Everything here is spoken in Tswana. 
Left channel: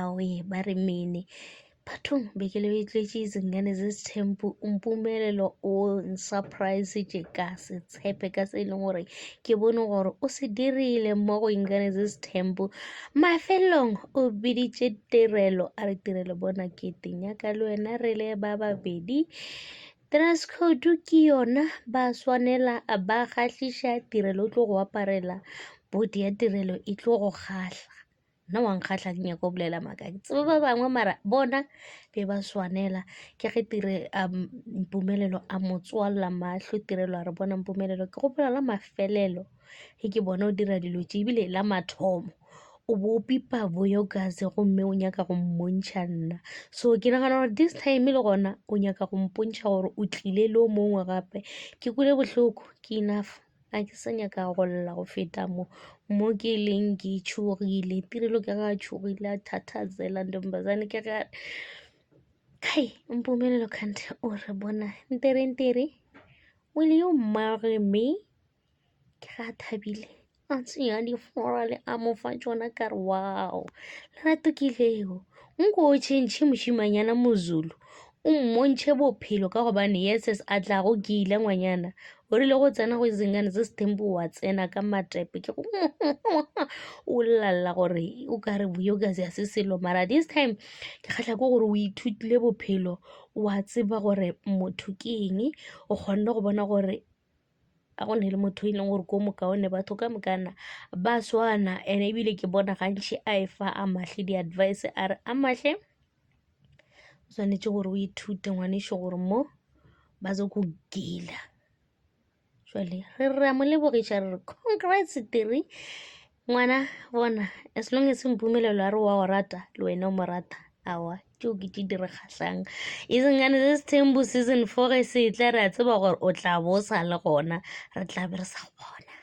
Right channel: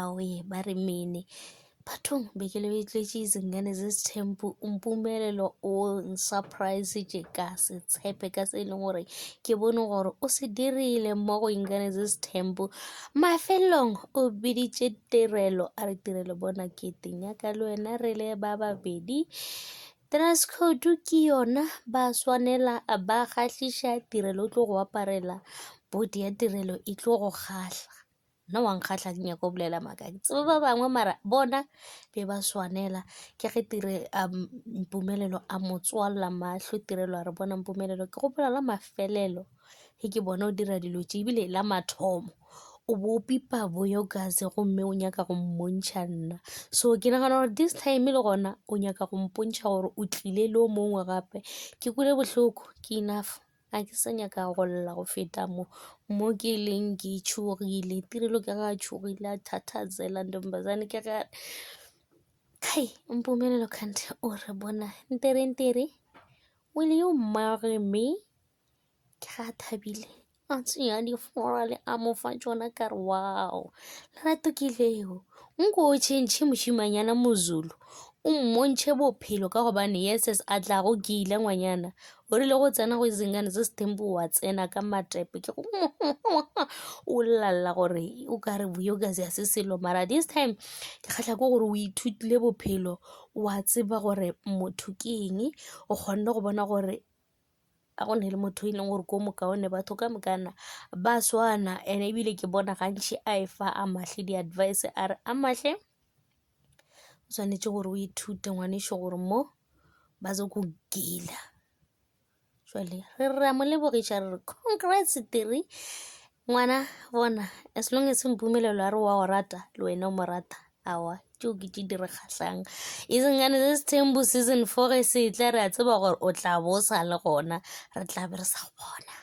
awe ba re mene bathong bekele betletse izingane zesithembu umpumelelo o surprise ka se tshepe ka se leng gore ke bone gore o se dirile mo go ingane zesithembu mafelong o biditše tirelo a re tirelo bona ke tenya ka le wena re le ba babedi dress code ke yona ba swanela ba kgahliša tirelo o tlo go aparela bodi ya tirelo e tlo go kgahla nna wa nkgahla ke nyako bolela maaka ke tsebe ba bangwe mara bona be ba swanela ke ge tire mpumelelo a motswalela mahlo tirelo a re bona mpumelelo ke gopola la mafelelo ge ke bona o dira dilo tše ebile la mathomo o bo pipa boyo gase gomme o nyaka go mmontšha nna so ke nagana gore this time le gona o nyaka go mpontšha gore o tlile le o mongwe gape ke kule bohloko ke enough a ke sa nyaka go lla go feta mo ke leng ke tšhogile tirelo ke ga tšhogile a thathazela ntombazane ke ga kai mpumelelo kante o re bona ntere will you marry me ke ga thabile a tseya difora le a mo fa tšona ka re wow lerato ke leo nko o tšhentšhe mošimanyana mozulu o mmontšhe bophelo ka gobane yeses a tla go ke ile ngwanyana o rile go tsena go izingane se sethembu wa tsena ka matepe ke go o lalla gore o ka re buyokase ya se selo mara this time ke kgatlha ko gore o ithutile bophelo wa tseba gore motho ke eng o kgonne go bona gore a go ne le motho e leng gore ko mokaone batho ka mokana ba swana ene ebile ke bona gantši a efa a mahle di-advice a re a mahle o tshwanetse gore o ithute ngwanešo gore mo ba zo go gila jwale re ra mo lebogiša re re congrats tiri ngwana bona as long as mpumelelo a re wa go rata le wena o mo rata awa tšeo ke tše dire kgatlhang izingane zesithembu season 4 ge se tla re a tseba gore o tla bo sa le gona re tla be re sa bona